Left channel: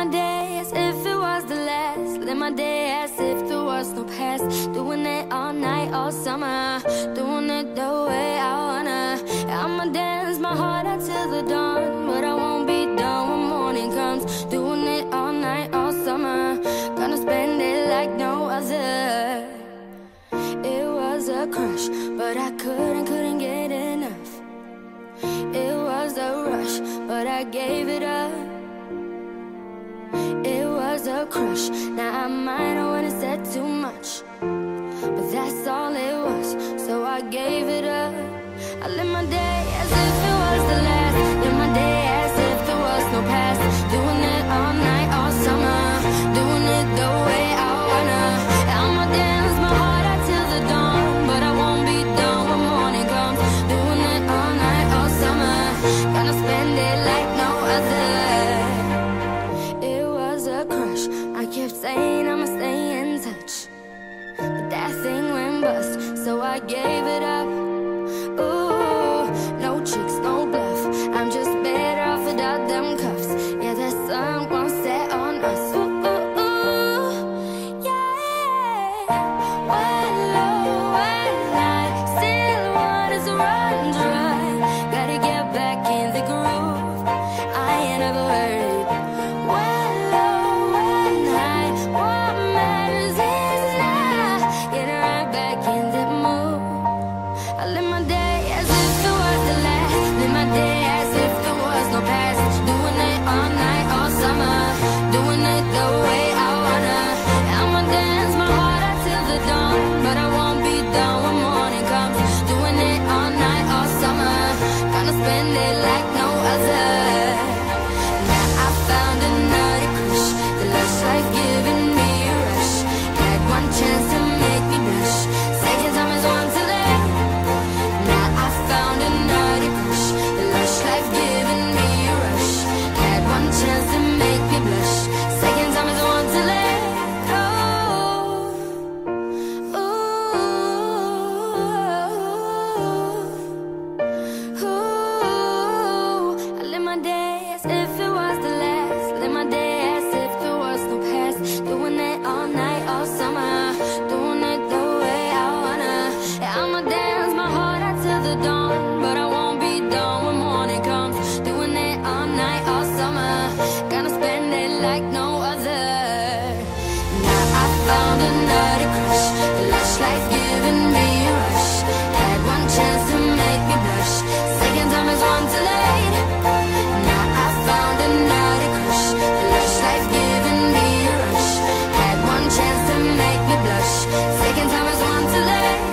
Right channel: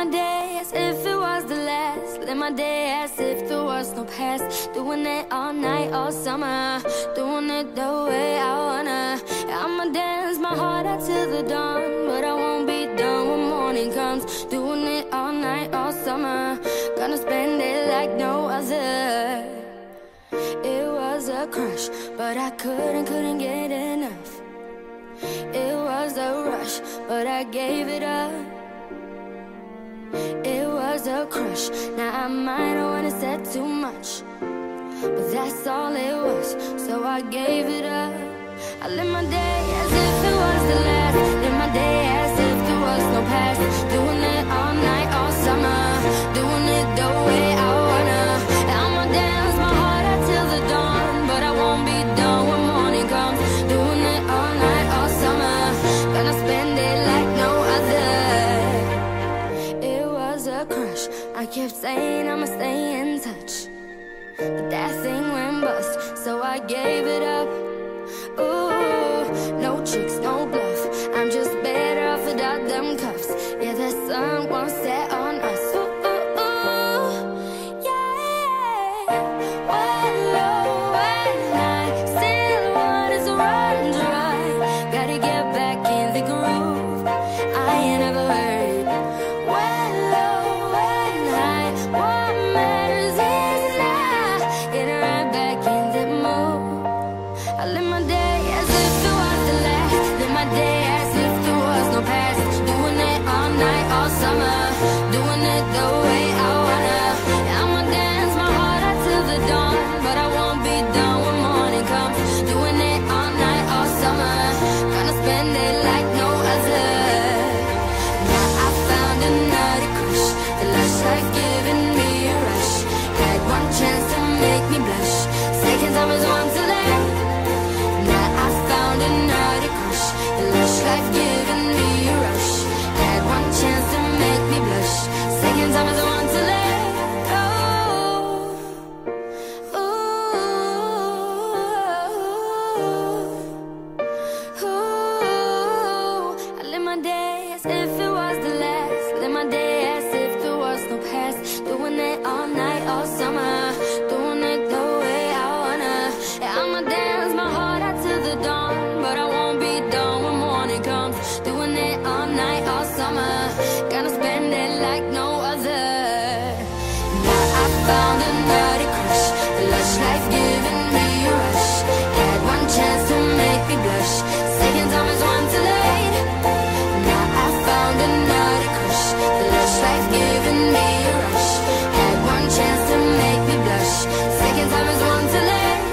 my day as if it was the last. Live my day as if there was no past. Doing it all night, all summer. Doing it the way I wanna. I'ma dance my heart out till the dawn, but I won't be done when morning comes. Doing it all night, all summer. Gonna spend it like no other. It was a crush, but I couldn't get enough. It was a rush, but I gave it up. It was a crush, now I might have wanna said too much, but that's all it was, so I gave it up. I live my day as if it was the last. Live my day as if there was no past. Doing it all night, all summer. Doing it the way I wanna. I'ma dance my heart out till the dawn, but I won't be done when morning comes. Doing it all night, all summer. Gonna spend it like no other. It was a crush, I kept saying I'ma stay in touch, but that thing went bust, so I gave it up. Ooh, no tricks, no bluff, I'm just better off without them cuffs. Yeah, the sun won't set on us. Ooh, ooh, ooh, yeah. When low at night, still wanted to run dry. Gotta get back in the groove, I ain't never worried. When low at night, what matters is now getting right back in the mood. I live my day as if it was the last. Live my day as if there was no past. Doing it all night, all summer. Doing it the way I wanna. I'ma dance my heart out till the dawn, but I won't be done when morning comes. Doing it all night, all summer. Gonna spend it like no other. Now I found another crush. The lush life giving me a rush. Had one chance to make me blush. Second time is one too late. Now I found another crush. The lush life giving me a rush. Had one chance to make me blush. Second time is the one too late. Oh, ooh, ooh. I live my day as if it was the last. Live my day as if there was no past. Doing it all night, all summer. Doing it the way I wanna. I'ma dance my heart out till the dawn, but I won't be done when morning comes. Doing it all night, all summer. Gonna spend it like no other. Now I found another crush. The lush life giving me a rush. Had one chance to make me blush. Second time is one too late. Now I found another crush. The lush life giving me a rush. Had one chance to make me blush. Second time is one too late.